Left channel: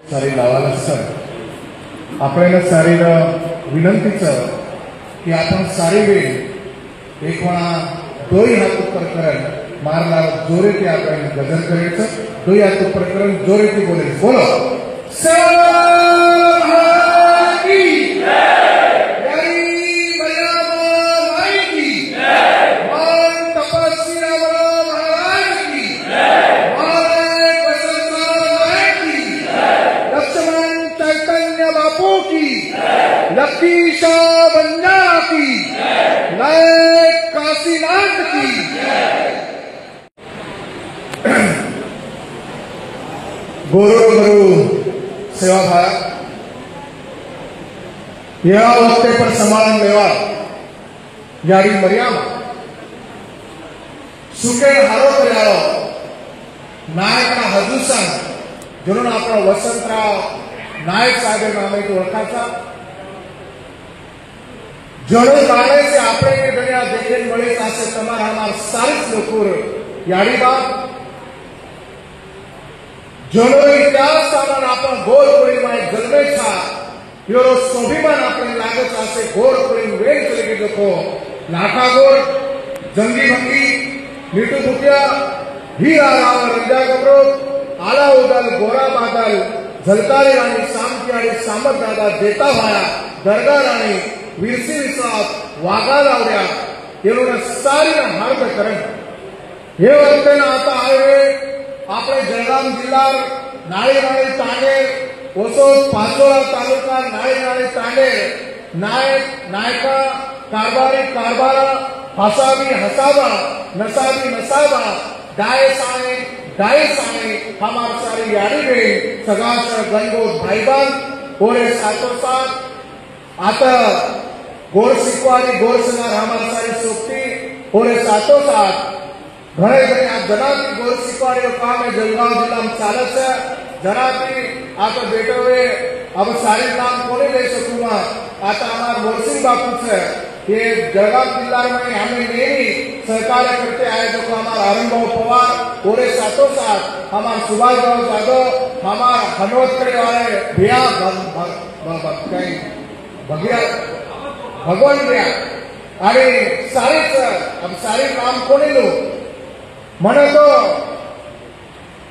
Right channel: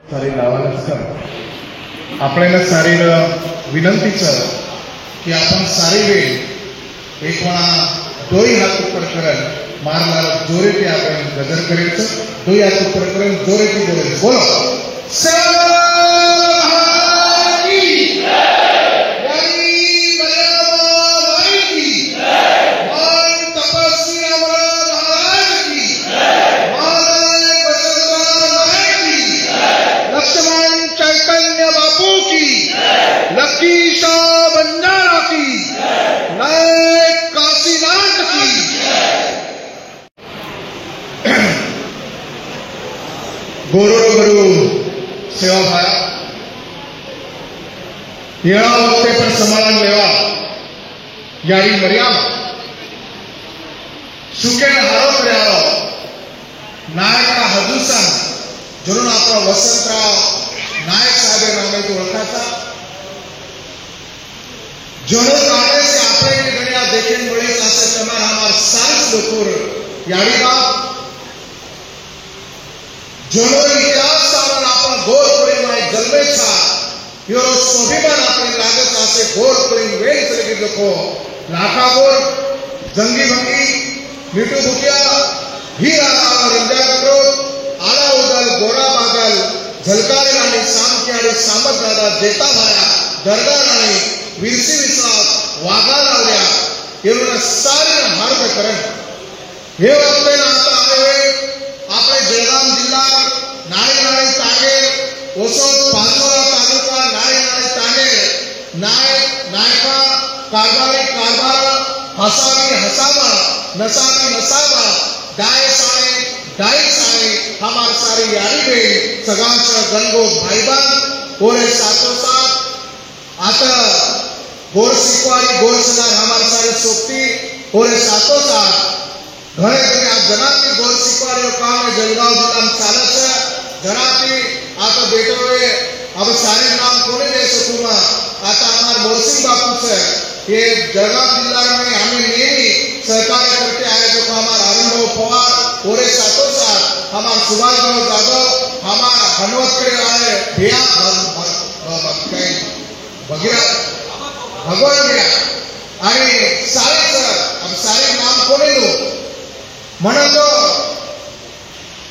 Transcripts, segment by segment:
सारी लावायला सर आपल्याला सारी विनंतीचं की आपण सारी वेळ एक म्हणा दोई हात ऊपर करत मारला जोरेती आपण गजर करायचं दोई हात ऊपर करत जोरेती गजर बोलो गुरु गुरु सेवा भाया येणा वक्ते पर समान लेवा यारी मरियाम सुके हारो पर्यालो नायका हजूसा जुळून आपला वसंतराव नायक साहेब नामे तो ओळखाचा जड़ो लाने से आपने के दुनिया देखने बड़ी आसत कमार हमार सारिस लोकुर यारी बात जड़ो इतिहास और आपण गोल करीन जन्मे छा योरो स्वाभिमान आपण लागत असे गोल करीन वेळ चले गेलो लाखा गोल जंगी भंगी मिठू दुकिया हीरा राम रंजा करो आला उदर गोरा बादल झलकारे आणि सामकियारे सामक दादा देता भाया दरगाह राणी वीरसिंग साथ वागा लावल्या येऊन सारी हार्द करण हे वक्तन आता आहे आपले जळगाव जिल्हा नाळेगाव तांडे ओसोड पाचोरा तालुका नाळेगाव तांडे नायक नायका कारभार हसावी हसावा नसावी नसावा डाय साने हमार सारी यारी में सगाचा गंगोत भाईबान ओरे सातो साथ आता गोर सिक्वारी गोर सना हमार सारी सोपती ओरे सातो साथ घरे घरे आप जनाती गोर सिक्वारी काम में जलगांव जिला में चालत है जनाती आप बेटे हुए अब सारे काम कोने दे सकूंगा आता हमार मोरसिंग बापू से ये जलगांव जिला में हमें मेरी सहकार करते आए जो हमारा आरंभ पवार ओरे सातो साथ हमार सुभाष यादव हमार हनवत के राणे भैया भगवान गया अरे सारे अब सारे काम कोने दो मना तो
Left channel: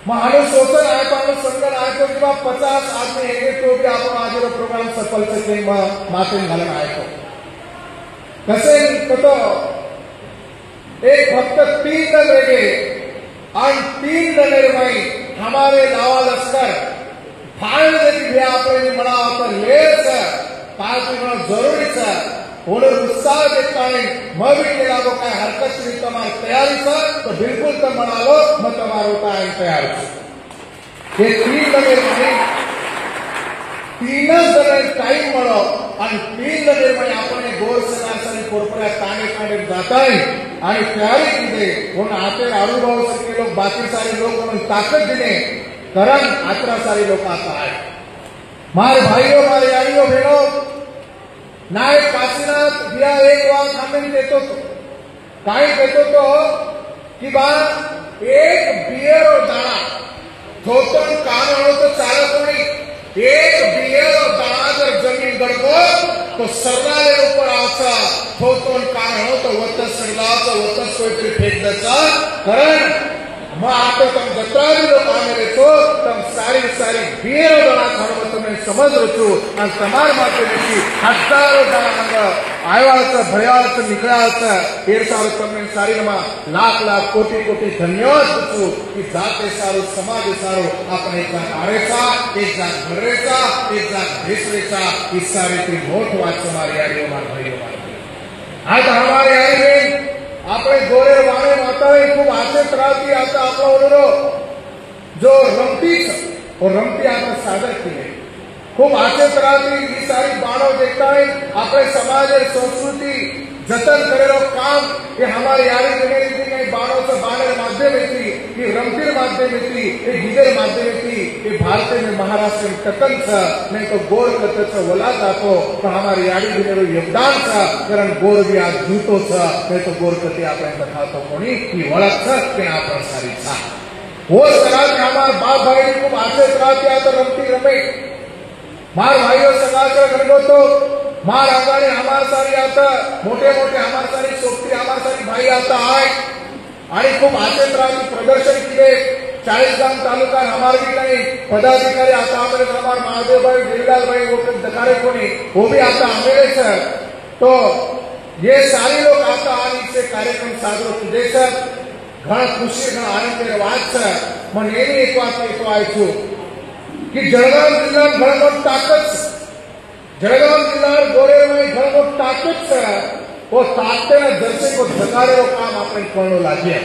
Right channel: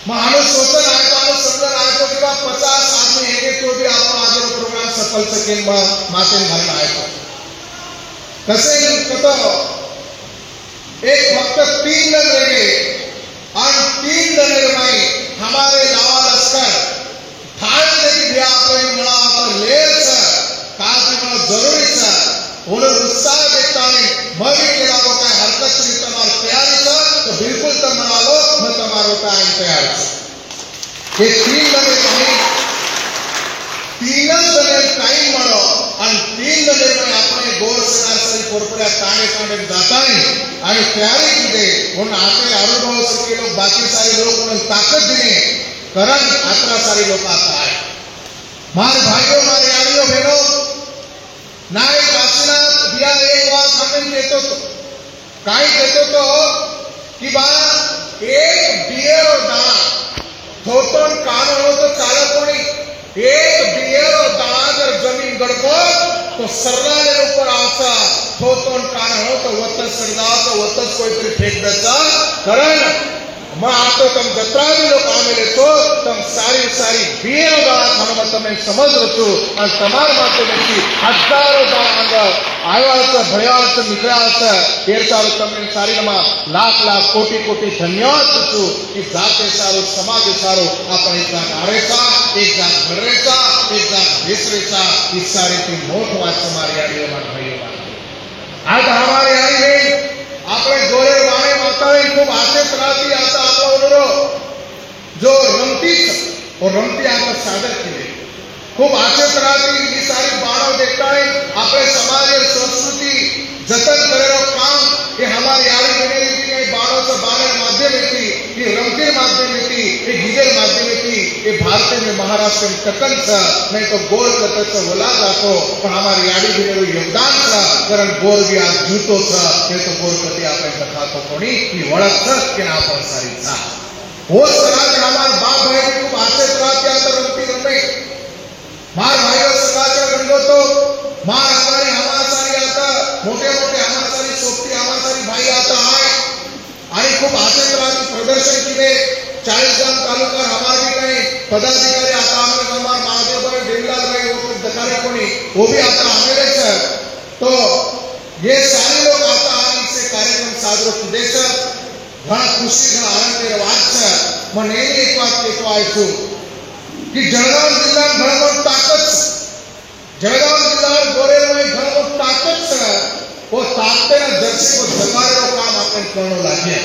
मानो सोचा आए तो आने समझा आए तो कि 50 आदमी है कि भी आपको आज वो प्रोग्राम सफल सके माते घालना आए तो कसे कतो एक फक्त 3 जण रहे और 3 जण में हमारे लावा लश्कर ठाणे जरी भी आपने बड़ा होता ले सर काज में जरूरी सर और उत्साह देता है मरी के लागो का हरकत से तमार तैयारी सर तो बिल्कुल तो मनाओ न तमारो टाइम तैयार ये 3 जने तीन जने टाइम मळो आणि 3 जने पण आपण गोर सरासरी कोरपड्या ताणे पण जाता है आणि तयारी किती म्हणून आपले अनुभव सगळे लोक बाकी सारे लोक म्हणून ताकद दिने कारण आपला सारे लोक आता आहे मार भाइयों मार यारियों बहनों नायक काशीनाथ बिया एक बात आपण देतो काय देतो तो कि बा एक बियर और दाना थोतोन कान हो तो चालत नहीं एक बियर और दाना अगर जमीन गड़बो तो सरगाले ऊपर आसा थोतोन कान हो तो वत सरगाचा वत कोई फेक देता कारण मैं आपको तुम जत्रावी लोग आमेले तो तुम सारी बियर दाना हम तुम्हें समझ रचो और तमार माते में हजारों दाना आयवाचं भयाचं निघायचं हे सारं तुम्ही सारीमा लाख कोटी धन्यवाद देतो की जाते सारो समाज सारो आपण एक जाग आरेचा एक जाग भरेचा एक जाग भेसरेचा इस सारे की मोठ वाच हमारे आगे भाई आज हमारे आगे આપણે જોડે વાણે માતાએ ખૂબ આશિત રાતી आता आपला ओरो जो रमती और रमती आपण सादर केले खूप आशेत राहतील ही सारी बाणव देखता है आपले समाज और संस्कृति जतन करेलो काम ये हमारे यारी बने थी नहीं बाणव से बाणव माध्यम थी ये रमते माध्यम थी ये हिजर माध्यम थी ये भारत में महाराष्ट्र में कटन था नहीं तो गोल कटक से वला वातो पर हमारे यारी बने योगदान था कारण गोल भी आज जूतो था नहीं तो गोल कटी आपने कथा तो कोणी की वळख था कि आपण सारी था वो समाज हमारे बाप भाई को आसे प्राप्त आता रमती रमे मार भाइयों समाज रंगो तो मार आगाने हमारे सारी आता मोटे मोटे हमारे सारी सोपती हमारे सारी भाई आता है आणि खूप आसे प्राप्त प्रदर्शन केले 40 गांव तालुका हमारे भी काही पदाधिकारी आता हमारे हमारे महादेव भाई बिरलाल भाई वो दकारे कोणी वो भी आता हमारे सर तो ये सारे लोग आता है इससे कार्यक्रम साजरो किदे सर घणा खुशी घणा आनंद વાત છે મને એની એક વાત કહેતો આવ્યો છું कि जळगाव जिल्हा घणो ताकत जळगाव जिल्हा गोरेवाई घणो ताकत છે वो ताकत ने जर्सी को जगारो काम આપણે કરનો લાગે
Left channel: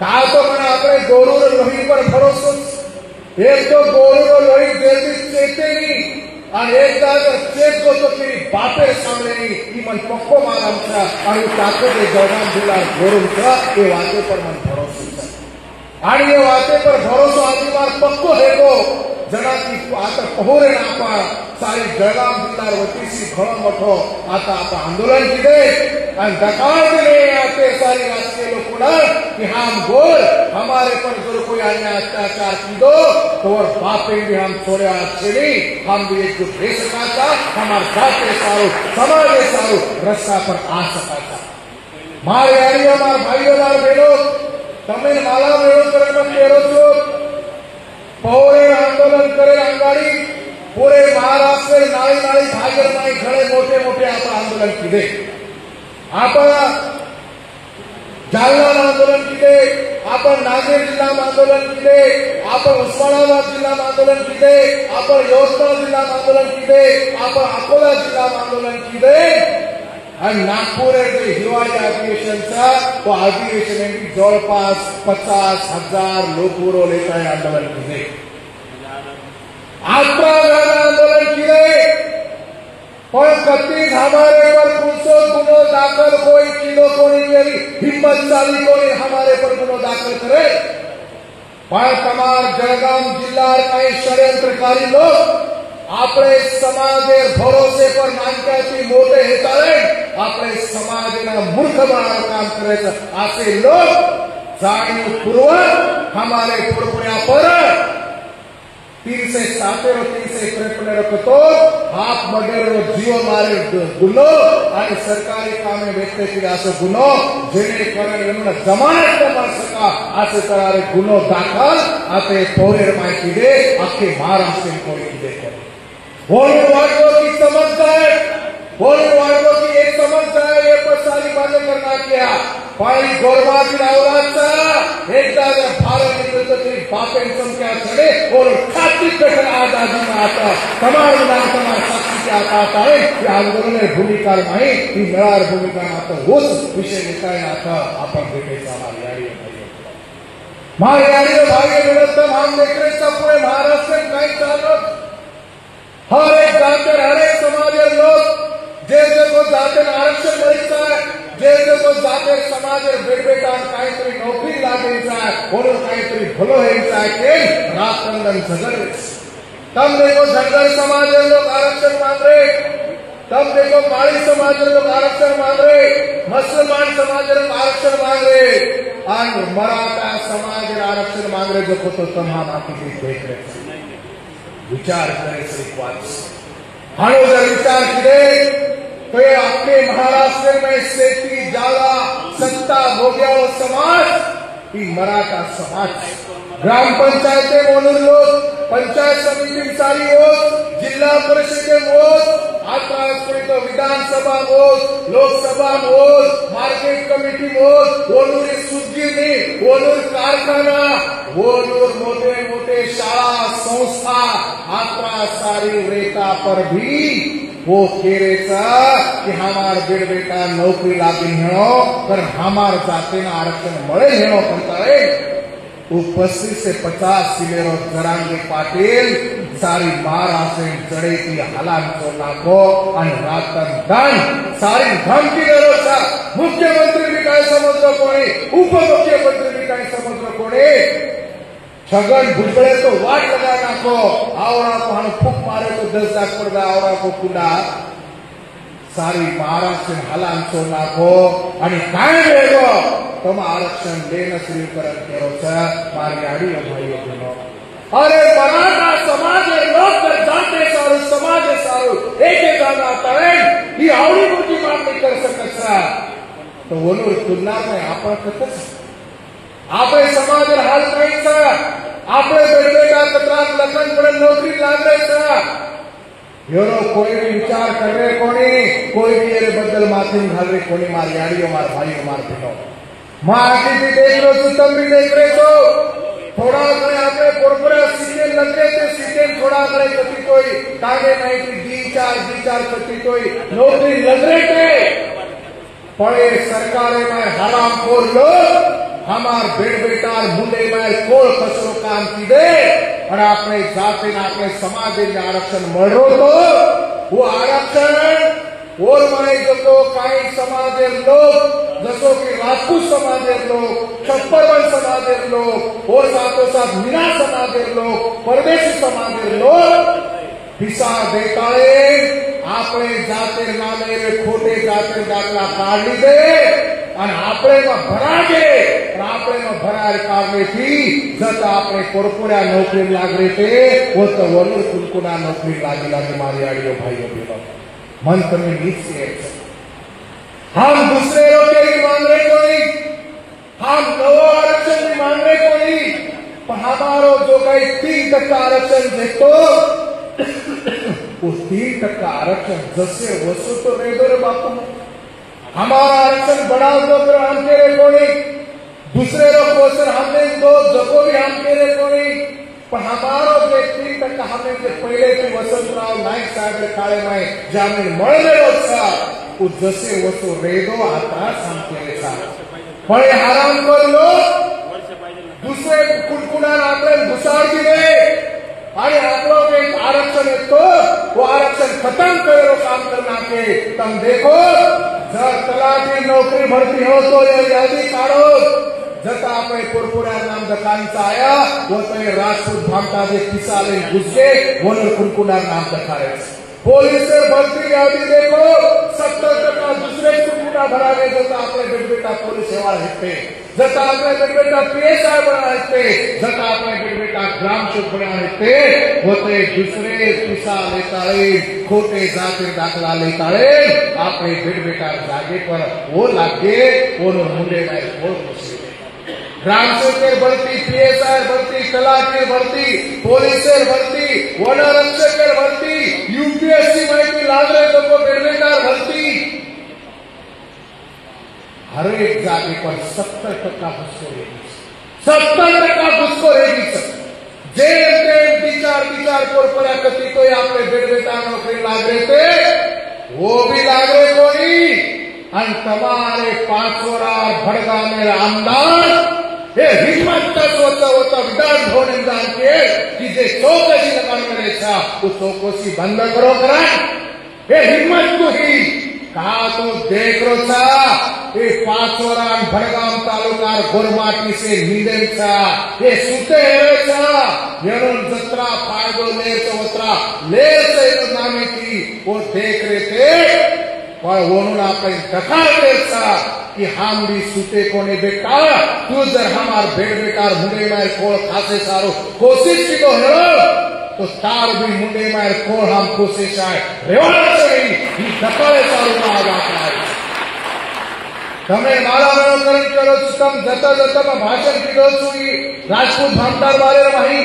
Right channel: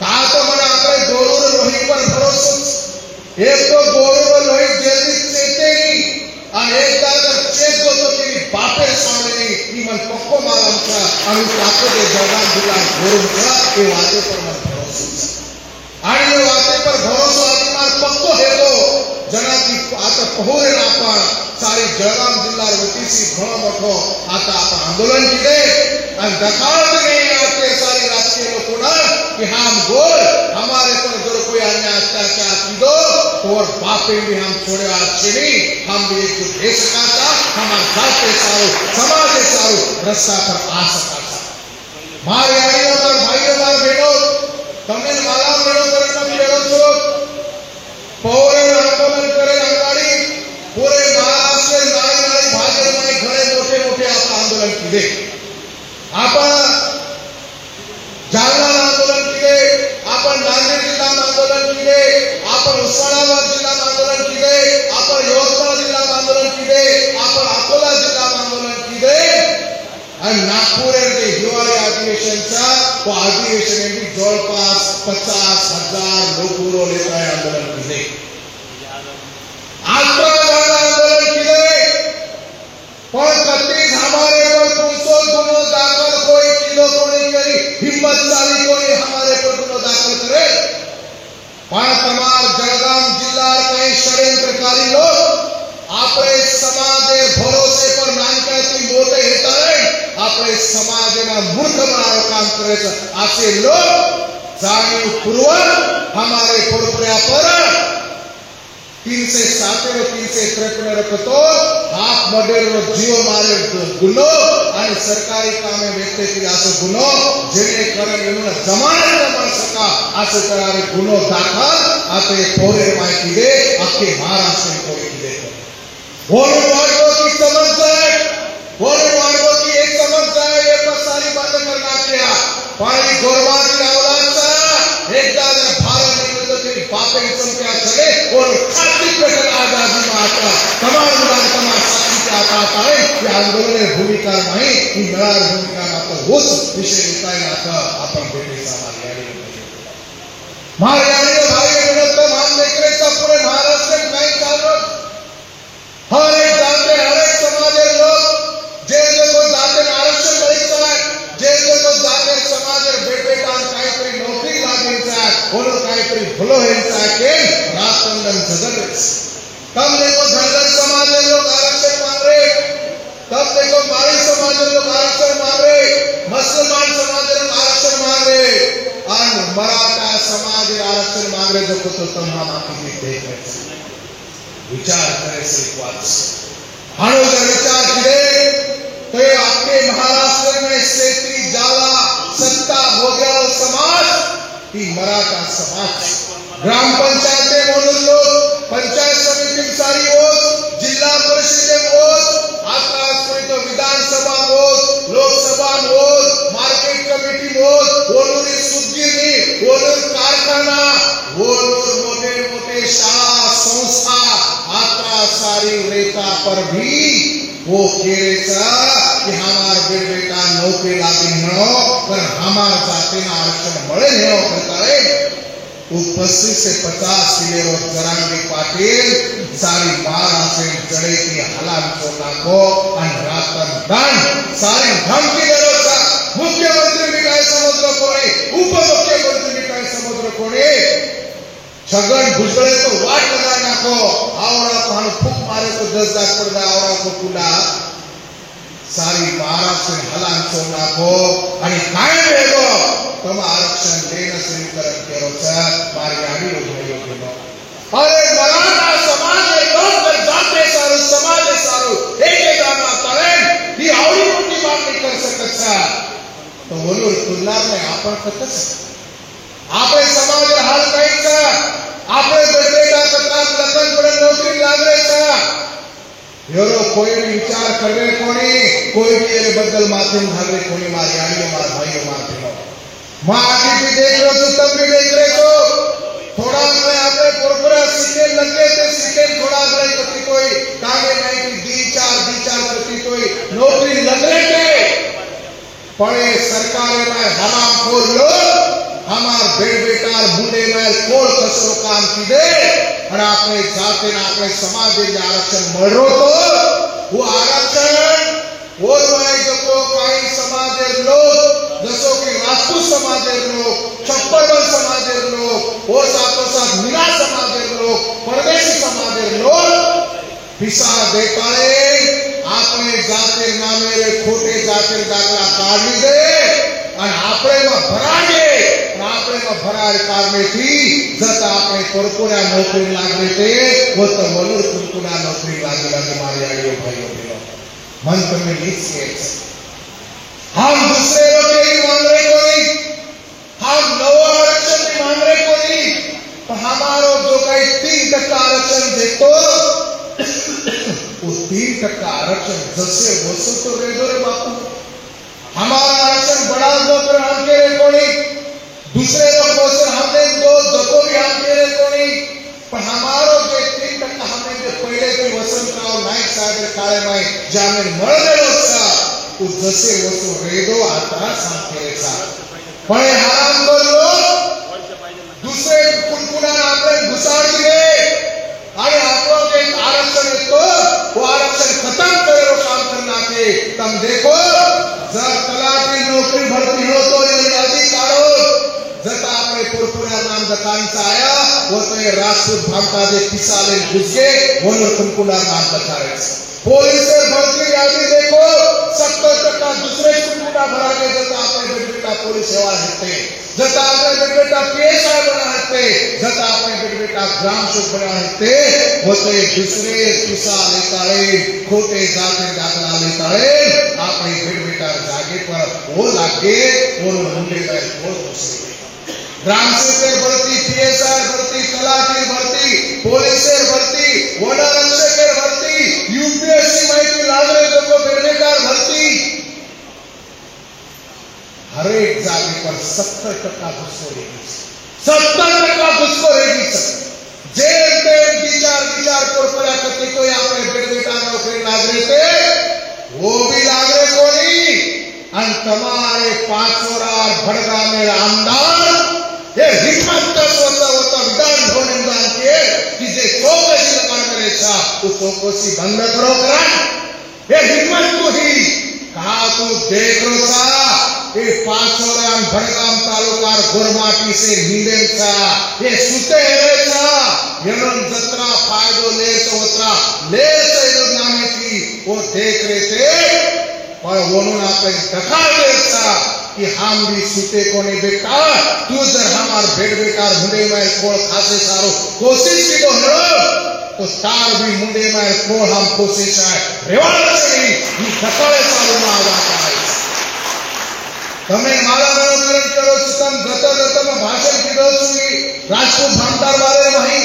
का तो મને આપણે ગોરો લોહી પર ભરોસો એક તો ગોરો લોહી જલ્દી ચેતે નહીં અને એક દાદર ચેત જો તો કે બાપે સામે નહીં ઈ મન પક્કો મારમ છે અને તાકત એ જળગાવ जिल्हा ગોરો છે એ વાતે પર મને ભરોસો છે आणि ये वाते पर भरोसा आपला पक्को है तो जना की आता पहोरे आपण सारे जळगाव जिल्हा वतीसी घणो मोठो आता आंदोलन केले आणि दकाळने आते सारे राष्ट्रीय लोकोना कि हम बोल हमारे पर जो कोई अन्याय अत्याचार कीदो तो और बापे भी हम छोड़े आछेनी हम भी एक देश का हमार जात के सारो समाज के सारो रस्ता पर आ सकता मार भाइयों मार बहनों તમે માલા મેળો કરવા કેરો છો પહોરે આંદોલન કરે અંગાડી પૂરે મહારાષ્ટ્ર નાળી નાળી ભાગે નાળી ઘણે મોટે મોટે આપણા આંદોલન કીધે આપણા જાલના આંદોલન કીધે આપણા નાંદેડ જિલ્લામાં આંદોલન કીધે આપણા ઉસ્માનાબાદ જિલ્લામાં આંદોલન કીધે આપણા યોધા જિલ્લામાં આંદોलन કીધે આપણા અકોલા જિલ્લામાં આંદોलन કીધે आणि नागपूर जे हिवाळी अधिवेशन था वो अधिवेशन में जवळपास 50,000 लोक लेता है आंदोलन केले आंदोलन केले पण कधीच हमारे पर 300 गुनो दाखल कोई किलो कोणी करी हिम्मत चाली कोणी हमारे पर गुनो दाखल करे पण તમારા जळगाव जिल्हा में षड्यंत्रकारी लोग આપણે સમાજે ભરોસે પર નાનકાથી મોટે હેતારે આપણે સમાજના મૂર્ખ બનાવવાનું કામ કરે છે આસે લોગ જાણીને પૂર્વક हमारे पुरपुरिया पर 307 353 तो हाथ मगेरो जीव मारे गुनो आणि सरकारी कामे व्यक्ती केला असो गुनो जेणे कारण एनो जमानत कर सका असे करार गुनो दाखल आपे थोरे माहिती दे आखे महाराष्ट्र कोणी दे वोट वाटो की समझ जाए वोट वाटो की एक समझ जाए ये पर सारी बातें करना क्या पानी गोरवा की औलाद सा एकदा जर भारत में तो तेरी बापे संख्या चढ़े और छाती पे कर आजादी माता तमाम नाम शक्ति का आता है कि आंदोलन में भूमिका नहीं कि मेरा भूमिका मात्र उस विषय निकायला था अपन बेटे समाज महाराणी भाई बहनों तो हम देख रहे सब पूरे महाराष्ट्र में कई सालों हर एक जानते हर एक समाज लोग जे लोग जाते आरक्षण मिलता है जे लोग जाते समाज बेटे काम काय तरी नौकरी लागेचा और काय तरी भलो हेचा के राजबंधन सदर तब देखो धर्म समाज लोग आरक्षण मांग रहे तब देखो माली समाज लोग आरक्षण मांग रहे मुसलमान समाज लोग आरक्षण मांग रहे और मराठा समाज आरक्षण मांग रहे जो तो तमाम आपकी देख रहे विचार करे से बात हानो विचार किए तो ये आपके महाराष्ट्र में सेठी जाला सत्ता भोग्या समाज की मराठा समाज ग्राम पंचायत म्हणून लोग पंचायत समिती सारी वोट जिल्हा परिषद वोट आता तो Vidhan Sabha vote Lok Sabha vote market committee vote वोलूर सुद्दीनी वोलूर कारखाना वोलूर मोटे मोटे शाळा संस्था आता सारी रेखा पर भी वो केरेचा कि हमार बेटा नौकरी लागी हो पर हमार जाते ना आरक्षण मळे हो करे वो 25 से 50 किलो जरांगी पाटिल सारी महाराष्ट्र चढ़े की हलाल चोला को और रातन दान सारी धमकी देता मुख्यमंत्री भी काय समुद्र कोणी उपमुख्यमंत्री भी काय समुद्र कोणी छगन भुजबळ तो वाट लगा नाखो आवड़ा को हम फूक मारे तो 10 लाख पर आवड़ा को पुला सारी महाराष्ट्र हलाल चोला को आणि काय देगो तम आरक्षण देना शुरू करो मारे गाड़ी भाई अरे मराठा समाज लोग जाते सारू समाज सारू एक ही आवड़ी मोटी बात नहीं कर सकता तो वो तुलना में आपण कतच आपले समाज हाल नहीं सा आपले बेटेला कतरा लग्न पर नौकरी लागे सा योरो कोई भी विचार करे कोई भी ये बदल माध्यम घरे कोई मार गाड़ी मार भाई मार दियो मां आगे भी देख लो तुम भी देख रहे हो थोड़ा मैं आपने पुरपुरा सीखे लगे थे सीखे थोड़ा करे तो कोई कागे नहीं कि दी चार करती कोई नौकरी लग रहे थे पड़े सरकार में हराम खोल लो हमार बेटा मुंडे में कोल कसो काम की दे और आपने जाते ना अपने समाज में आरक्षण मरो तो वो आरक्षण वो मैं जो तो कई समाज लोग जैसो कि राजपूत समाज लोग चप्पल समाज लोग वो साथों साथ मीना समाज लोग परदेशी समाज लोग पिसा देता है आपने जाते नामे खोटे जाते दाखला काढ़ी दे और आपने में भरा दे और आपने में भरा करने की जब आपने पुरपुरा नौकरी लाग रहे थे वो तो वरुण पुरपुरा नौकरी लागे मारी आड़ियों भाइयों मन तो में नीच के हम दूसरे लोग ही मान रहे कोई हम नवा आरक्षण भी मान रहे कोई पर हमारो जो कई 3% आरक्षण देखो उस 3% आरक्षण जैसे वस्तु तो दे दो रे बापू हमारा आरक्षण बढ़ा दो फिर हम के रे कोई दूसरे लोग को सर हमने दो जको भी हम के रे कोई पर हमारो जो 3% हमने जो पहले की वसंतराव नाइक साहब काले में जामिन मरने लोसा उस जैसे वस्तु रेडो आता सांगते सा बड़े हराम कर लो दूसरे कुलकुला आपने घुसाड़ दिए अरे आप लोग एक आरक्षण है तो वो आरक्षण खत्म करे वो काम करना के तुम देखो जब तलाटी नौकरी भर्ती हो तो ये यादी काढ़ो जब आपने कुलकुला नाम बताने से आया वो तो ये राष्ट्रपति भागता दे पिसाले घुस के वो कुलकुला नाम बताया पुलिस से भर्ती यादी देखो 70% दूसरे कुलकुला भराने जब आपने बेटा पुलिस सेवा हटते जब आपने बेटा पेशा बना हटते जब आपने बेटा ग्राम सुख बना हटते वो तो दूसरे पिसा लेता है खोटे जाते दाखला लेता है आपने बेटा जागे पर वो लागे वो मुंडे में बहुत मुश्किल ग्राम सेवक भर्ती पीएसआई भर्ती तलाटी भर्ती पुलिस भर्ती वन रक्षक भर्ती यूपीएससी में नागरिकों को बेरोजगार भर्ती हर एक जाति पर 70% घुसखोरी 70% घुसखोरी जे विचार पुरपुरा करती कोई आपने बेटा नौकरी लाग रहे थे वो भी लाग रहे कोई तुम्हारे 5 और भड़गा में आमदार ये हिम्मत का सोचा होता विधान भूमि के कि जे चौकसी लगाने करे था तो चौकसी बंद करो करा ये हिम्मत को ही कहा तो देख लो सा ये 5 और भड़गाम तालुका गुरमाटी से नींदे था ये सुते है सा ये जत्रा फायदो ले चौत्रा ले से नामे की वो देख रहे थे पर वो आपने दिखा दे सा कि हम भी सूते को नहीं देखा तू जब हमार बेकार मुंडे में खोल खासे सारो कोशिश की तो हो तो तार भी मुंडे में खोल हम कोशिश है रेवाड़ से ही खतरे सारो में आ जाता है तमें मारा मारो करण करो तुम जता में भाषण कीधो छी राजपूत भांडार वाले नहीं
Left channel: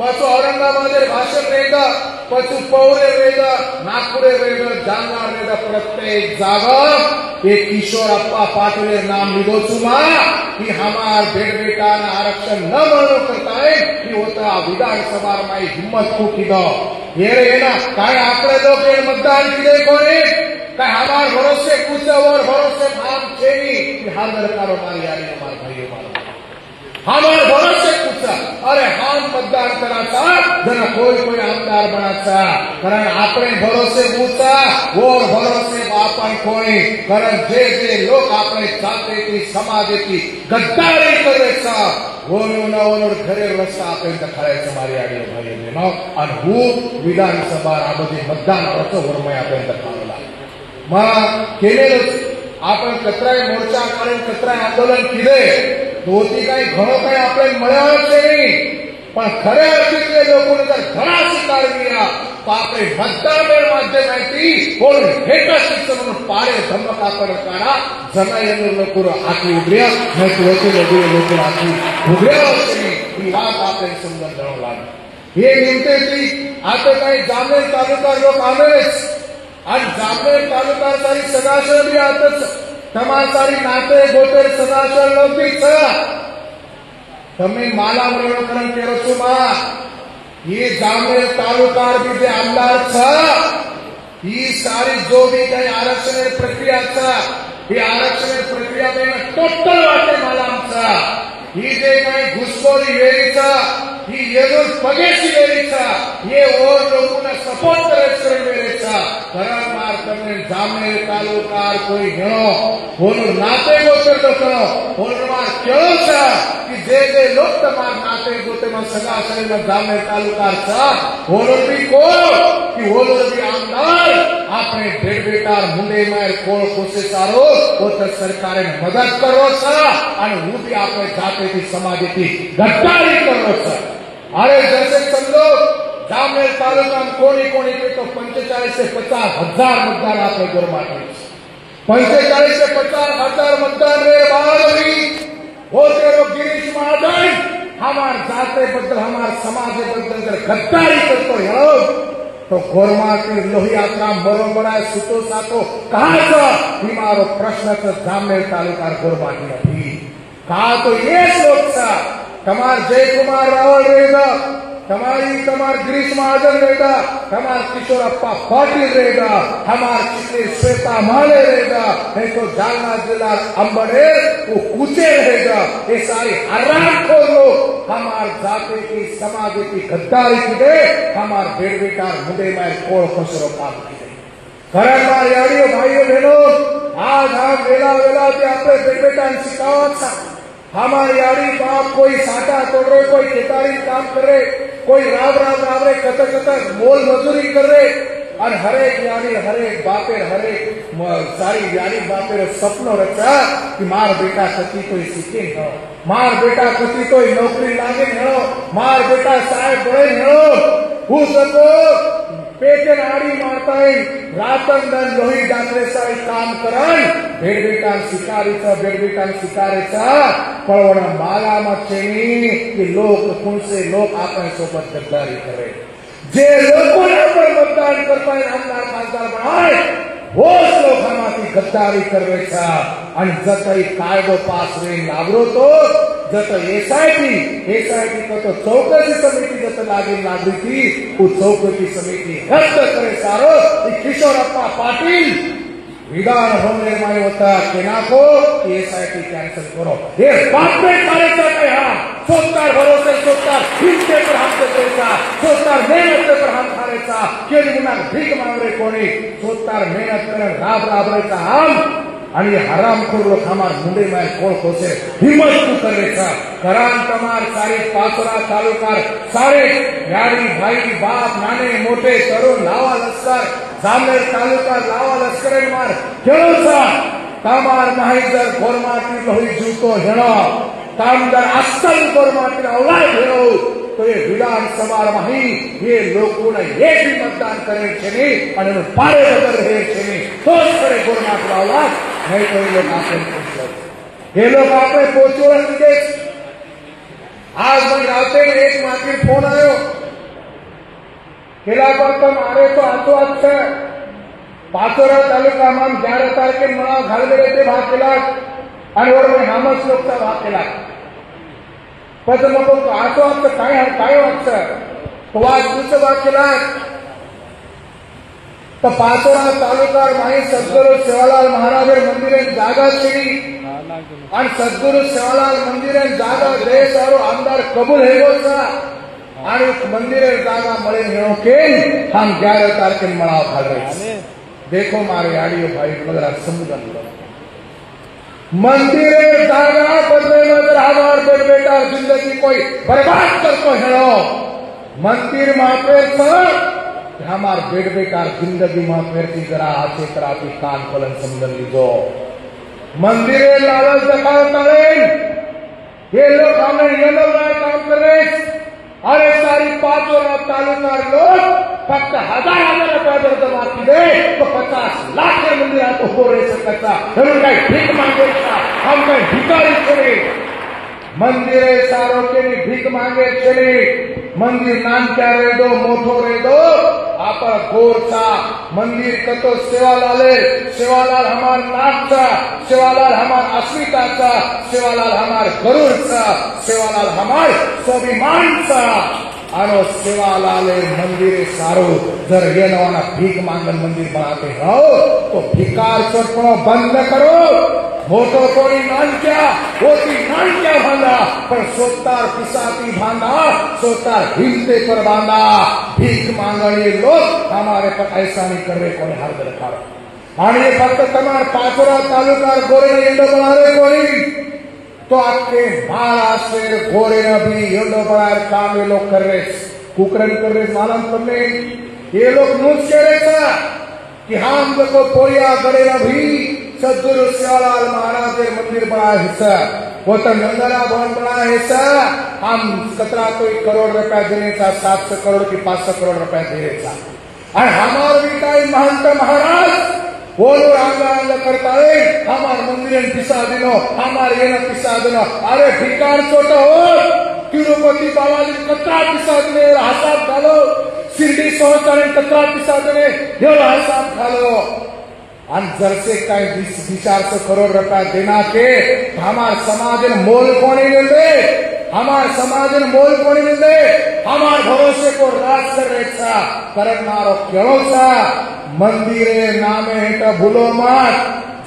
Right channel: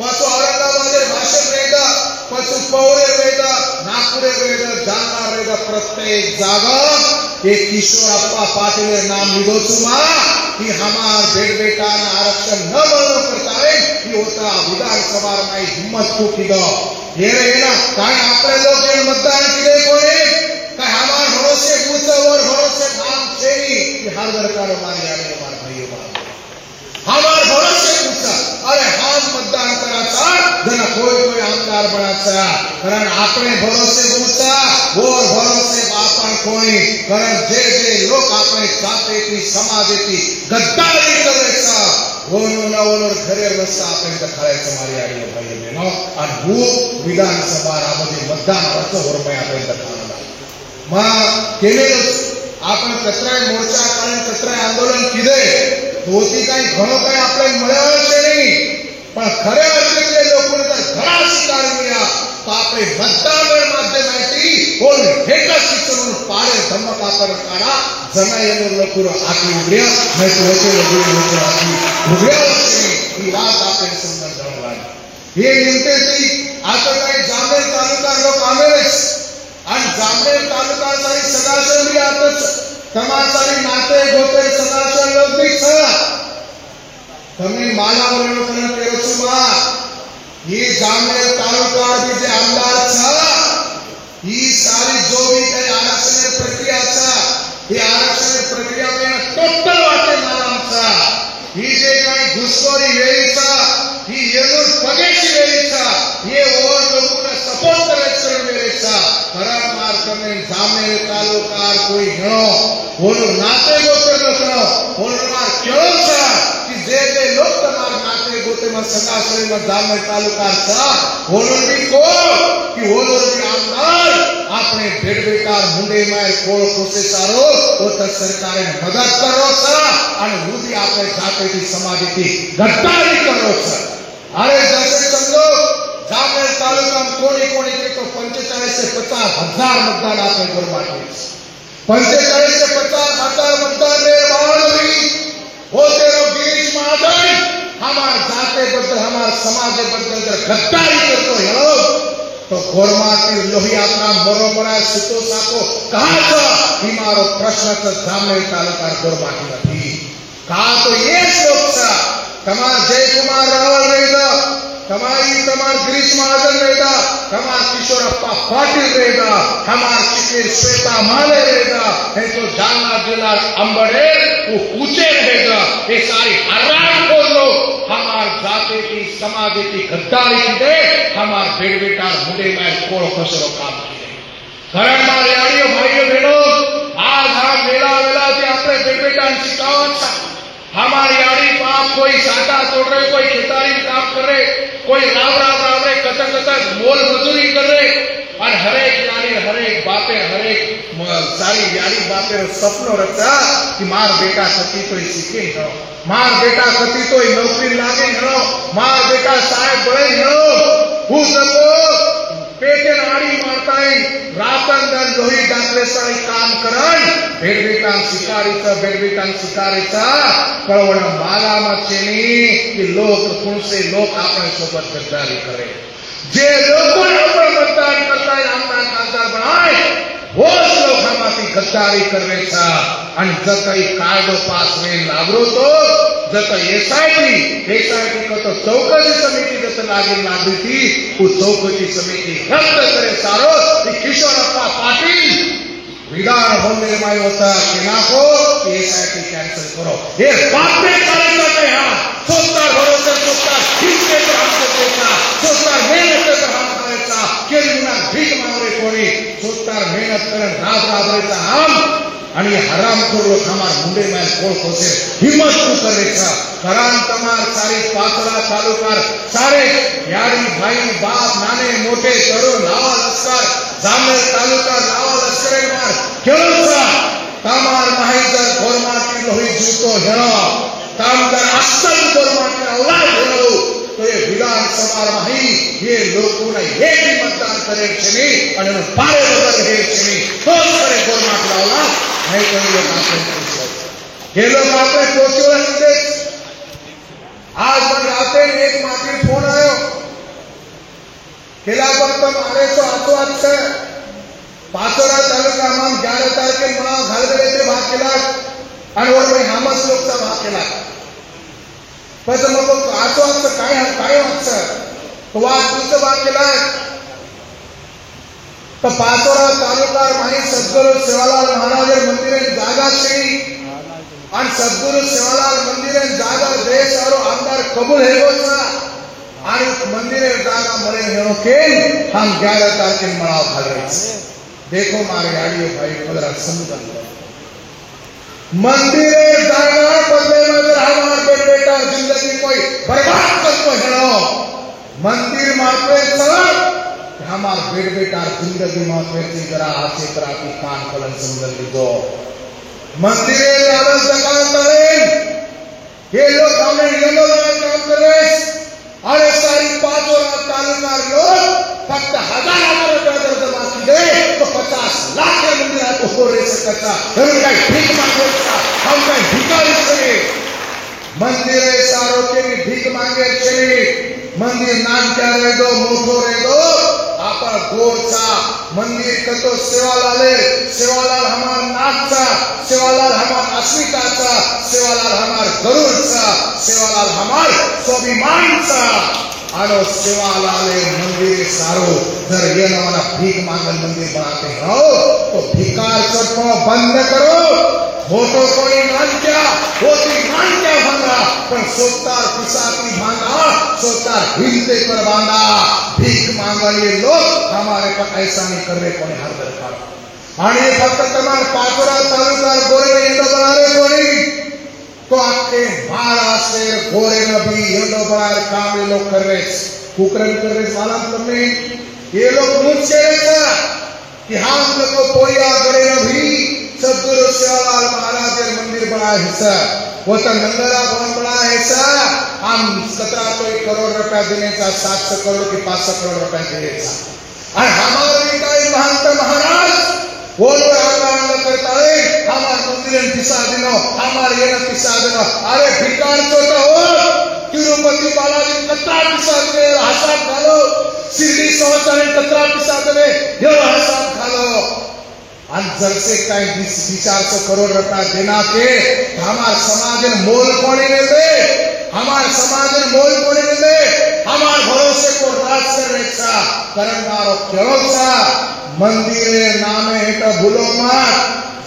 पाछो औरंगाबाद भाषण रहेगा पाछो पौरे रहेगा नागपुरे रहेगा जालना रहेगा प्रत्येक जागा एक किशोर अप्पा पाटिले नाम लीधो छुमा कि हमार बेटा ने आरक्षण न मनो करता है कि होता विधानसभा में हिम्मत को कीधो ये ना काय आपले लोग ये मतदान कीधे कोने काय हमार भरोसे पूछो और भरोसे भाग छेनी कि हाल करो मारी आने हमार भाइयों हमार भरोसे पूछा अरे हम मतदान करा था जना कोई आमदार बना था कारण आपने भरोसे पूछा वो भरोसे आपन कोई कारण जे लोग आपने जाते की समाज की गद्दारी करे था वो घरे रस्ता आपने दिखाए हमारे आगे भाई बहनों और वो विधानसभा आगे मतदान करते हो मैं आपने दिखाऊंगा मां केले आपण कतराय मोर्चा काढून कतराय आंदोलन केले दोती काही घणो काही आपल्याला मिळालं नाही पण खऱ्या अर्थाने लोकांना जर घरा स्वीकार केला तर आपले मतदान माध्यमाची कोण हेटा शिक्षण म्हणून पाडे धम्म कापड काढा जमाईनो लोक आपली उभ्या नाही लोक आपली उभ्या ही बात आपल्याला समजून घ्यावं लागेल हे नेमके ती आता काही जामनेर तालुका लोक आलेच आणि जामनेर तालुका सदाशय बी आताच તમારી નાતે ગોતે સદાશય લોક છે તમે માલાવરણ કરો છો બા ये जामनेर तालुका के जे आमदार छ ही सारी जो भी काही आरक्षण प्रक्रिया छ ही आरक्षण प्रक्रिया में टोटल वाटे मालाम छ ही जे काही घुसखोरी येई छ ही येनो पगेशी येई छ ये और लोगों ने सपोर्ट करे छ मेरे छ बराबर તમે जामनेर तालुका कोई गणो बोलो नाते गोते गोतनो बोलो मार केळो छ कि जे लोक તમાર नाते गोते में सदाशय में जामनेर तालुका छ बोलो भी को कि बोलो भी आमदार आपने भेट बेटा मुंडे में कोळ कोसे सारो वो तो सरकार मदद करो छ અને હું भी આપણે જાતોથી સમાજથી ગદ્દારી કરો छ अरे जैसे समझो जामनेर तालुका में कोणी कोणी के तो 45 से 50 हजार मतदान आपने घर माटे 45 से 50 हजार मतदान रे बाळवी वो तेरो गिरीश महाजन हमार जाते बद्दल हमार समाज बद्दल जर गद्दारी करतो हो तो गोरमा के लोही आपला बरोबर सुतो सातो कहा छो ही मारो प्रश्न तो जामनेर तालुका घर माटे નથી कहा तो ये सोचा तमार जयकुमार रावल रहेगा तमार गिरीश महाजन रहेगा तमार किशोरप्पा पाटिल रहेगा हमार चित्रे श्वेता माले रहेगा है तो जालना जिला अंबड़े वो ऊंचे रहेगा ये सारी हराम को लोग हमार जाति की समाज की गद्दारी की दे हमार बेट बेटा मुंडे में कोड़ खसरो काम की दे घराना यारियों भाइयों बहनों आज हम मेला वेला के अपने बेट बेटा सिखावत हमारी यारी बाप कोई साटा तोड़ रहे कोई खेतारी काम कर रहे कोई राव रहे कतर मोल मजूरी कर रहे और हरेक यारी हरेक बापे हरेक सारी यारी बापे सपनो रखा कि मार बेटा कति तो सीखे न मार बेटा कति तो नौकरी लागे न मार बेटा साहेब बड़े न उस पेटे नाड़ी मारता है रातन दन लोही डाकरे सारी काम कराई भेड़ बेटा शिकारी था कळवण माला मचेनी कि लोग कौन से लोग आपन सोबत गद्दारी करे जे लोगों ने अपन मतदान करता है हमारा खासदार बनाए वो लोग हमारी गद्दारी कर रहे था आणि जतई कायदो पास में लागरो तो जत एसआईटी को तो चौकसी समिति जत लागरी थी वो चौकसी समिति रद्द करे सारो किशोरप्पा पाटिल विधान भवन निर्माण होता केना को एसआईटी कैंसिल करो ये बात में सारे करते हैं सोचता भरोसे सोचता इसके पर हमको देगा सोचता मेहनत कर हम खानेचा के बिना भीख मारे कोणी सोचता मेहनत कर रात रहता हम आणि हरामखोर लोक हमार मुंडे में कोळ कोसे हिम्मत तू करेचा करान तमार सारे पासरा तालुका सारे यारी भाई बाप नाने मोटे तरुण लावा लस्कर जामनेर तालुका लावा लस्कर मार केळो छा तमार नाही जर गोरमाटी लोही जूतो हेळो कामदार असल गोरमाटी औलाद हेळो तो ये विधानसभा माही ये लोकों ने एक ही मतदान करे छे आणि पारे बदल हे छे तो करे गोरमाटी औलाद नहीं कोई लोग आपने ये लोग आपने सोचो आज मन आते एक मात्र फोन आयो केला पर तुम आरे तो आतो अच्छा पाचोरा तालुका में 11 तारखे मना घालगडे ते भाग केला आणि वर हामस लोकचा भाग केला पण मग आतो अच्छा काय वाटतं तो आज तुझं भाग केला तो पाचोरा तालुका माही सद्गुरु सेवालाल महाराज मंदिर जागा छेड़ी आणि सद्गुरु सेवालाल मंदिर जागा देश और आमदार कबूल हेगो छा आणि मंदिर जागा मळे हेणो के हम 11 तारखे मनाव घाल रहे देखो मारे आड़ियो भाई जरा समझ मंदिर जागा बदले नजर हमार बेटा जिंदगी कोई बर्बाद करतो हेणो मंदिर मापे छ हमार बेट बेटा जिंदगी में जरा हाथे कराती कान कलन समझ लीजो मंदिरे लावत दखावताळे हे लोग हमें ये लोग काम कर रहे हैं। अरे सारी 5 तालुका लोग फक्त 1000 रुपये जमा किए तो 50 लाख मंदिर को हो रहे से कच्चा भीख मांगे हम भिखारी चले मंदिर सारों के भी भीख मांगे चले मंदिर नाम क्या रहे दो मोठो रहे दो आप गोरचा मंदिर का तो सेवालाल हमार नाथचा सेवालाल हमार अस्मिताचा सेवालाल हमार गरुडचा सेवालाल हमार स्वाभिमानचा आनो सेवालाले मंदिर सारो जर ये ना भीख मांगल मंदिर बनाते हो तो भिकार चटको बंद करो मोटो कोई नानक्या होती नानक्या भांगा पर सोतार पिसाती भांगा सोतार हिलते पर बांधा भीख मांगा ये लोग हमारे पर ऐसा नहीं कर रहे कोई हर दरकार आणि फक्त तमार पाचोरा तालुका गोरे इंडो बनारे कोणी तो आपके महाराष्ट्र गोरे भी इंडो बनाए काम ये लोग कर रहे कुकरन कर रहे सालन करने ये लोग मुझसे रहता कि हम लोग को पोया करे अभी सदगुरु सेवालाल महाराज के मंदिर बनाया हिस्सा वो तो नंगला भवन बनाया हिस्सा हम 17 करोड़ रुपया देने का 700 करोड़ की 500 करोड़ रुपया देने का और हमारे कई महंत महाराज वो लोग आंदोलन करता है हमारे मंदिर पिसा देनो हमारे ये पिसा देनो अरे भिकार छोटा हो तिरुपति बालाजी कतरा पिसा देने हिसाब खालो शिरडी संस्थान कतरा पिसा देने ये हिसाब खालो जल से कई 200 करोड़ रुपया देना के हमारे समाज में मोल कोने मिलते हमारे समाज में मोल कोने मिलते हमारे भरोसे को राष्ट्र रेखा करनारो क्यों सा मंदिर नामे हेटा भूलो मत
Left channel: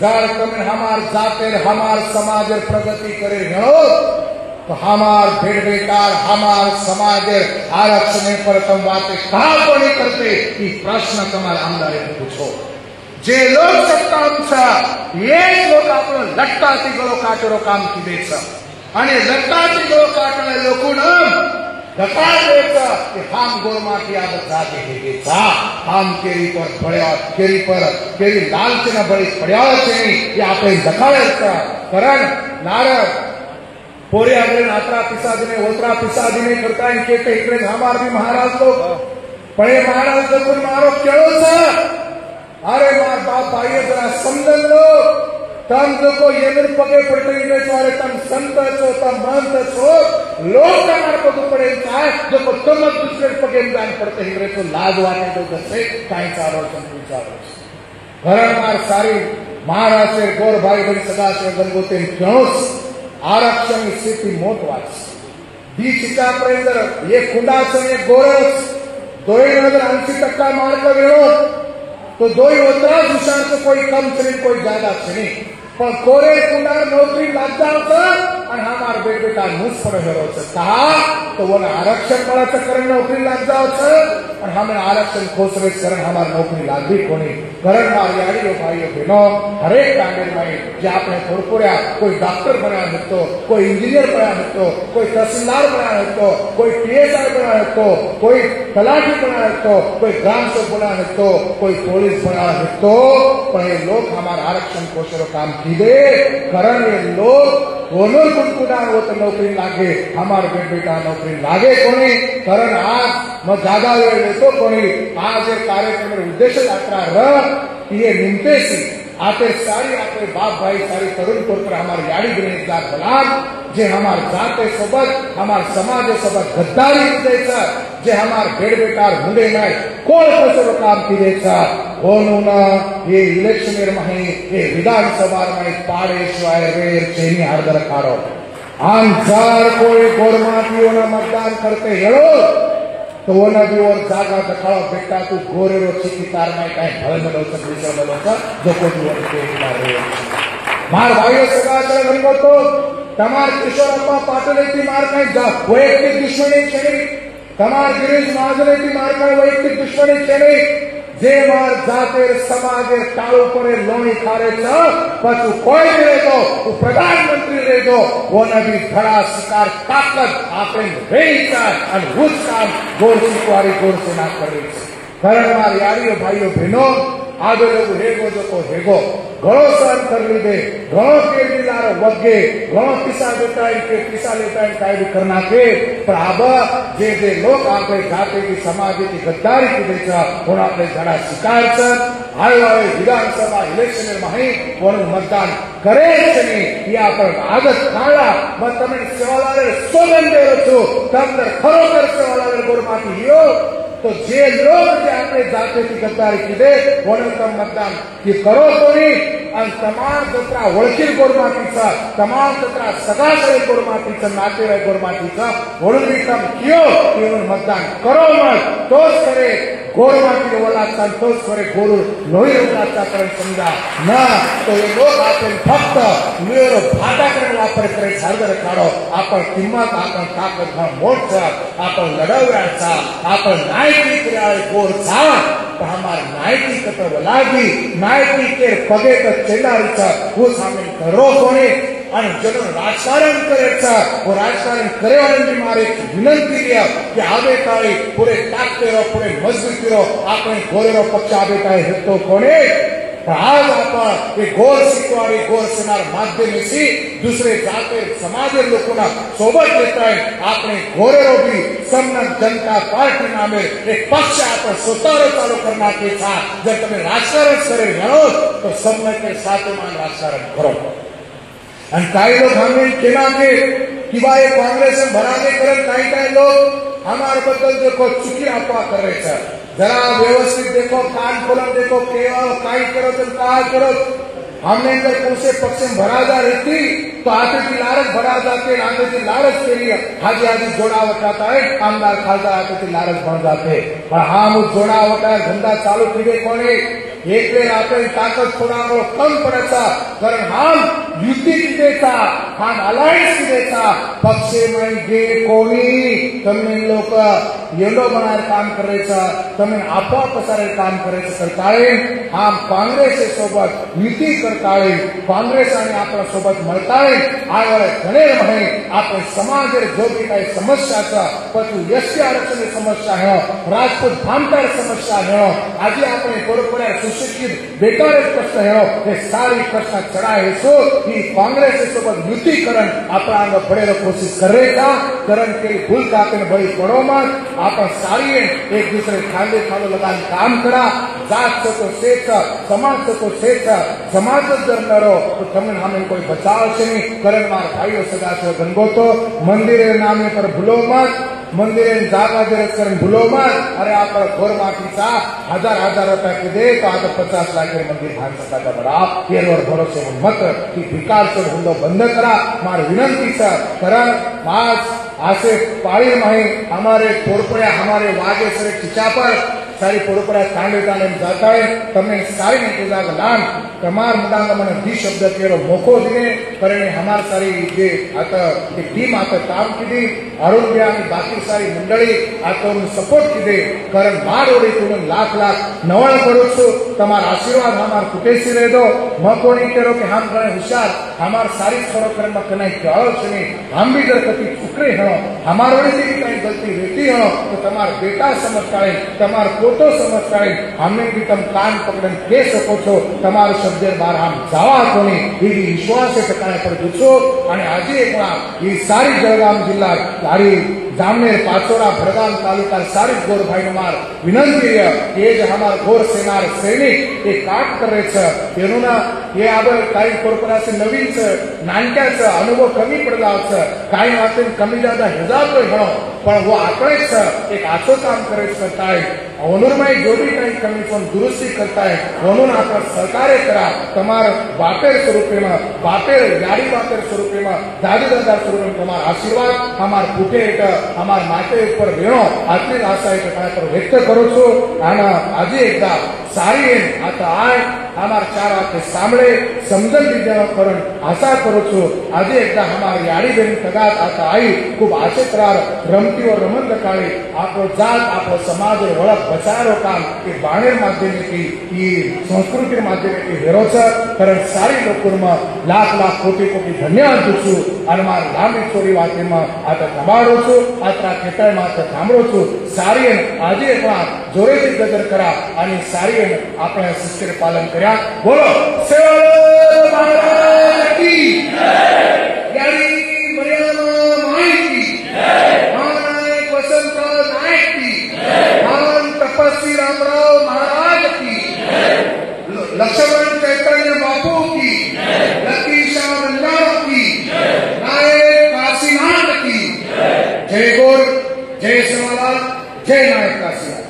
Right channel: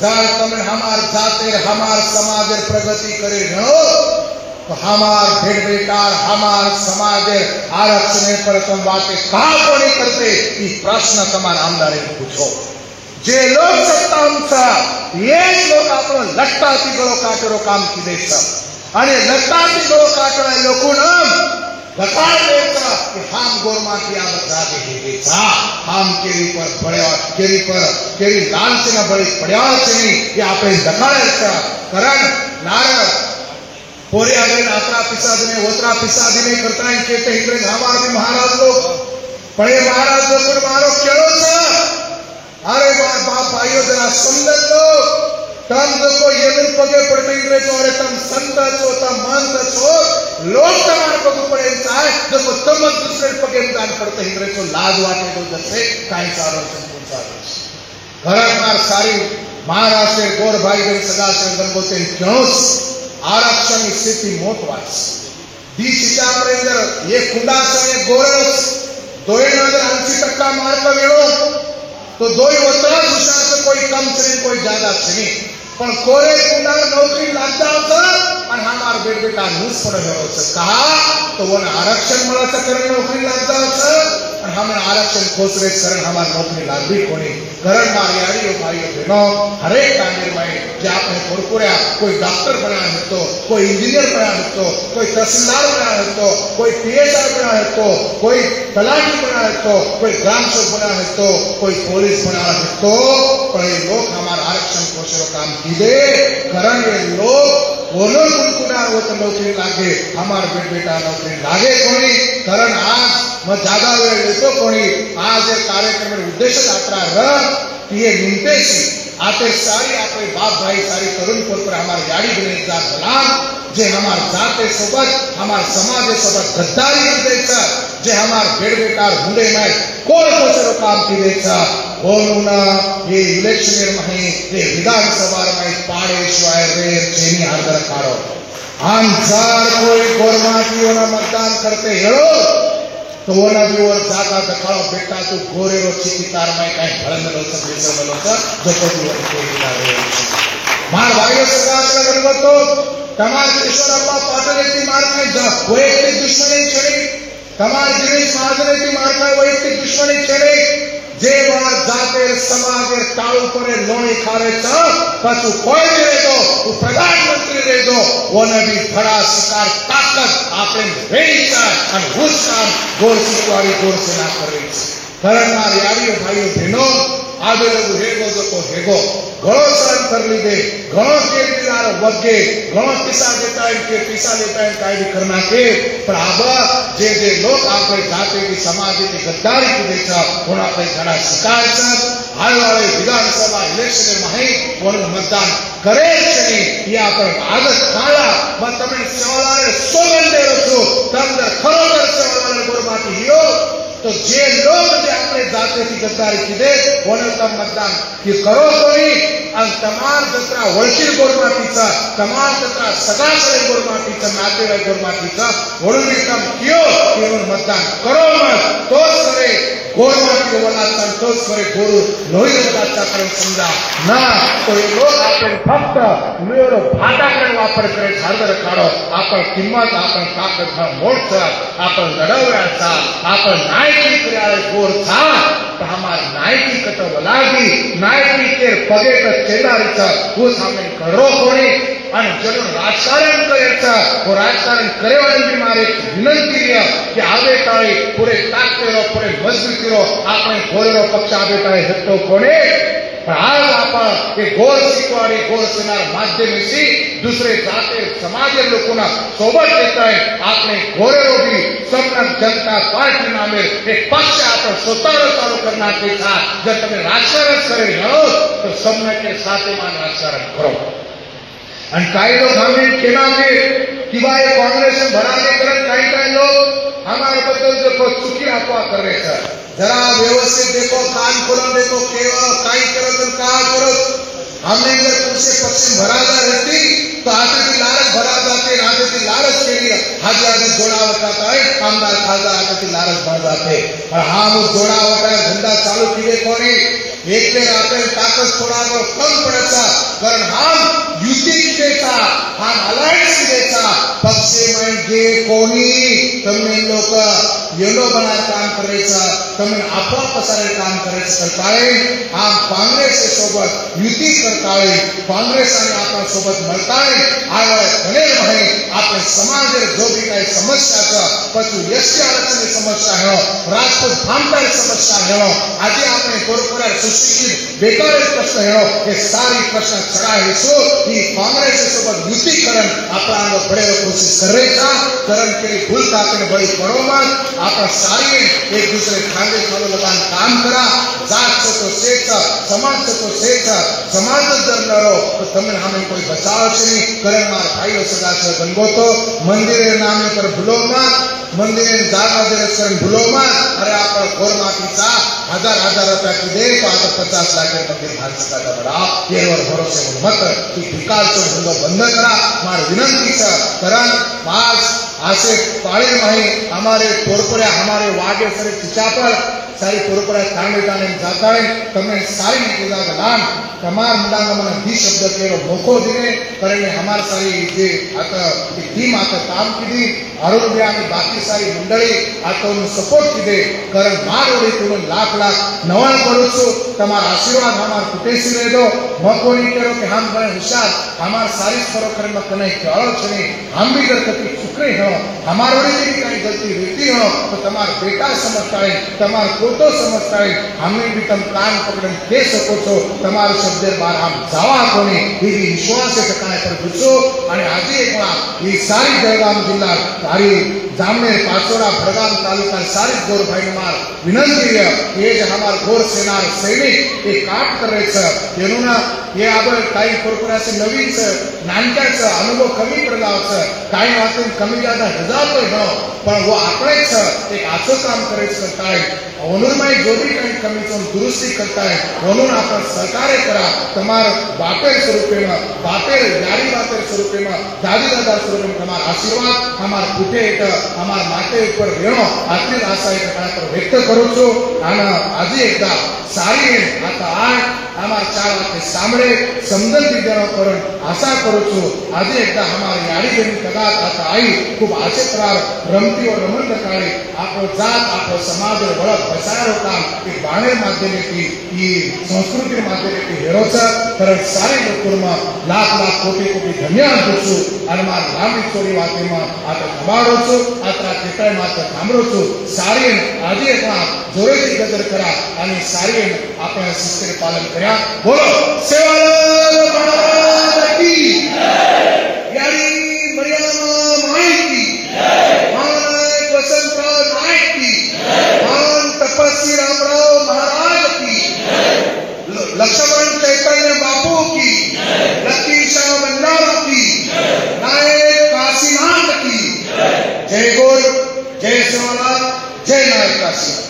जार तुम्हें हमार जाते हमार समाज प्रगति करे हो तो हमार भेड़ बेकार हमार समाज आरक्षण पर तुम बातें कहा को नहीं करते कि प्रश्न तुम्हारा अंदर पूछो जे लोग सत्ता ये लोग आपण लट्टाती गलो काटरो काम की देशा आणि लट्टाती गलो काटरा लोकून धकार देता कि हम गोरमा किया बता के देता हम केरी पर पड़या केरी लाल से न बड़ी पड़या से ये आपे धकार करण नार पोरे अगर आत्रा पिसा दिने ओत्रा पिसा दिने करता है कहते इकडे हमारे महाराज लोग पड़े महाराज लोग मारो केड़ो सा अरे बाप भाइयों जरा समझ लो तम जो ये पगे पड़ते इंग्रेज और तम संत छो तम मंत छो लोग तमार पग पड़े चाहे जो तम दूसरे पगे दान पड़ते इंग्रेज को लाज वाटे तो दसे काई सारो संपूर्ण घरात सारी महाराष्ट्र गोर भाई बहन सदा से गंगोते क्यों आरक्षण स्थिति मोटवास बीच चाकरे अंदर ये खुंडा से गोरस 280% मार्क वेणो तो 2 उतरा दिशा से कोई कम चले कोई ज्यादा चले पर कोरे कुंडार नौकरी लागता और हमार बेटा मुफ्त पड़े हो कहा तो वो आरक्षण मला करण नौकरी लागता और हमें आरक्षण खोसरे करण हमार नौकरी लाग भी कोनी करण मारियाड़ी भाइयों बहनों हर एक कांग्रेस भाई जे आपने थोड़कोड्या कोई डॉक्टर बना तो कोई इंजीनियर बना तो कोई तहसीलदार बना तो कोई पीएसआई बना तो कोई तलाठी बना तो कोई ग्राम सेवक बना तो कोई पुलिस बना तो पर लोग हमारे आरक्षण कोशरो काम कीदे करण ये लोग दोनों कुंकुड़ा वो तो नौकरी लागे हमारे बेटा नौकरी लागे कोनी करण आज मैं ज्यादा वेळ लेतो कोणी आज ये कार्यक्रम उद्देश यात्रा र ये निमते सी आते सारी आपे बाप भाई सारी तरुण पर हमारे याडी बने जात बलान जे हमार जाते सोबत हमार समाज सोबत गद्दारी देता जे हमार भेड़ बेकार मुंडे में कोण कोसरो काम की देता होमुना ये इलेक्शन में ये विधानसभा में पाड़े शिवाय रे चेनी हरदर पारो आंजार कोई गोरमा की मतदान करते हेलो तो वो ना भी और जागा दखाड़ो बेटा तू गोरे रो चिकितार में कहीं भरन रो सब बोलो जो को भी और मार भाई सगा कर तो तमार किशोर अम्मा पाटले की मार में वो एक दुश्मनी चले तमार गिरीश महाजन की मार में वो एक दुश्मनी चले जे मार जाते समाज टाळो करे लोणी खारे तो पछु कोई रहे तो प्रधानमंत्री रहे तो वो ने भी बड़ा शिकार ताकत आपने वेचा और हुस्सा गोर सिक्वारी गोर सेना करे कारण मार यारियों भाइयों बहनों આજે લોકો હેગો જતો હેગો ઘણો સહન કરી લીધે ઘણો કેજરીવાલ વગે ઘણો પીસા જતા કે પીસા લેતા કાયદे करना के पर आबा जे लोग आपले जाते की समाज की गद्दारी की बेचा होना आपले घना शिकार से आए वाले विधानसभा इलेक्शन में नहीं वो मतदान करे नहीं या पर आदत काला मैं तमिल सवालों सोलन दे रखो तंत्र खरोखर सवालों गोरमाटी हियो तो जे लोग जे आपले जाते की गद्दारी की दे वो मतदान की करो कोई आणि तमाम जत्रा वळखीर गोरमाटीचा तमाम जत्रा सगळ्याकडे गोरमाटीचा नातेवाईक गोरमाटीचा म्हणून काम कियो केवळ मतदान करो मग तोच खरे गोरमाटी वळाचा तोच खरे गोरू लोही होताचा पण समजा ना तो लोक आपण फक्त मेरो फाटाकडे वापर करे सादर काढो आपण किंमत आपण ताकद मोठा आपण लढवण्याचा आपण नायकी कराय गोरचा हमार नायकी कटव लागी नायकी के पगे का चेडारीचा वो सामील करो कोणी आणि जनो राजकारण करायचा वो राजकारण करेवाळी मारे विनंती आहे की आवे काळी पुरे ताकदीरो पुरे मजबूतीरो आपण गोरेरो पक्ष आवे काळी हेतो कोणी आज आपण एक गोर शिकवाडी गोर सेनार माध्यमेशी दुसरे जाते समाजे लोकोना सोबत येताय आपने गोरेरो भी सम्मान जनता पार्टी नामे एक पक्ष आपण स्वतः चालू करना के साथ जब तुम्हें राजकारण करे हो तो सम्मान के साथ मान राजकारण करो आणि काही लोग हमें केना के कि भाई कांग्रेस में भराने करन काही लोग हमारे बद्दल देखो चुकी अफवा कर रहे सर जरा व्यवस्थित देखो कान खोला देखो केवल काही करत का करत हमने जर उनसे पश्चिम भरा जा रहती तो आगे की लालच भरा जाते आगे की लालच के लिए आगे जोड़ावट करता है कामदार खालदा आगे की लालच भर जाते और हम उस जोड़ावट का धंधा चालू किए कोनी एक दिन आपने ताकत थोड़ा कम पड़ेगा पर हम युति देता हम अलायंस देता पक्ष में जे कोनी तमिल लोग येलो बनार काम करायचा तमिल आपवा पसारे काम करायचं करताय हम काँग्रेस सोबत युती करताय काँग्रेस आणि आपल्या सोबत મળતાय आवे घणे आहे आपले समाज जो भी काही समस्याचा पति यस्य आरक्षण समस्या है राजपूत भामदार समस्या है आज आपने कोरपुरा सुशिक्षित बेकार प्रश्न है ये सारी प्रश्न चढ़ाए सो कि कांग्रेस सोबत युती करण आपला बड़े कोशिश करेगा करण के भूल कापने बड़ी करो मत आप सारी एक दूसरे खांदे खांदे लगान काम करा जात से तो शेख समाज से तो शेख समाज जर करो तो तमिल हमें कोई बचाव नहीं करण मार भाई सदा से गंगो तो मंदिर नाम पर भूलो मत मंदिर जागा दर्शन भूलो मत अरे आप गोरमाटीचा हजार रुपया की दे तो आप 50 लाख मंदिर भाजपा का बड़ा ये और भरोसे मत कि विकास को हुंडो बंद करा मार विनंती से करण आज आसे पाड़ी नहीं हमारे पोरपरा हमारे वागे सरे चिचापर सारी पोरपरा कांडे कांडे जाता है तमिल सारी निकेजा का नाम तमार मुदांग मन 20 शब्द केरो मोको दिने करने हमार सारी जे आता एक टीम आता काम की आरोग्य आणि बाकी सारी मंडळी आता सपोर्ट की दे कारण मार ओडी तुम लाख नवा करोसो तमार आशीर्वाद हमार कुटेसी रहे दो मकोनी करो कि हम बड़े होशियार हमार सारी करो करे मत नहीं कहो छे हम भी अगर कभी चुके हो हमारे ओडी की कहीं गलती रहती हो तो तमार बेटा समझता है तमार फोटो समझता है हमें भी तुम कान पकड़ के सको छो तमार शब्द बार हम जावा कोनी ये विश्वास से ठिकाने पर पूछो आणि आज एक बार ये सारी जळगाव जिल्हा सारी जामनेर पाचोरा भरगाम तालुका सारी गोर भाई मार विनंती है ये जो हमार गोर सेनार सैनिक ये काट करायचं तेनु ना हे आपण काही कोर्पोरेशन नवीन नानक्याचा अनुभव कमी पडला काही आपण कमी ज्यादा हजार हो पण वो आपणेच एक आचो काम करायचं करताय अनुर्मय जो भी काही कमी पण दुरुस्ती करताय म्हणून आपण सहकार्य करा तमार बापेर स्वरूपे बापेर यारी बापेर स्वरूपे दादीदार स्वरूपे तमार आशीर्वाद हमार कुटे एक हमार माते ऊपर रेणो आतली आशा एक पर व्यक्त करू छो आणि आज एकदा सारी आता आठ हमार 4 वाक्य सामने समजन विद्यानो करून आशा करू छो आज एकदा हमार यारी बेन कदाच आता आई खूब आशे प्रार रमती और आनंद काळे आपो जात आपो समाज ओळख बचारो काम के बाणेर माध्यमे की संस्कृती माध्यमे की हेरोचा कारण सारी लोकोमा लाख कोटी धन्यवाद देछु आणि मार नामी चोरी वाक्यमा आता તમારો છો आता केटाय मात्र સાંભળો છો सारी આજે એકવાર जोरेથી गजर करा आणि सारे आपल्या शिस्तीने पालन करा. बोलो सेवालाल महाराज की यारी मर्यादा माहिती महानायक वसंतराव नाईक की महान तपस्वी रामराव महाराज की लक्ष्मण चैतन्य बापू की लकी शाह भंडारा की नायक काशीनाथ की. जय गोर, जय सोनालाल, जय नायक काशी.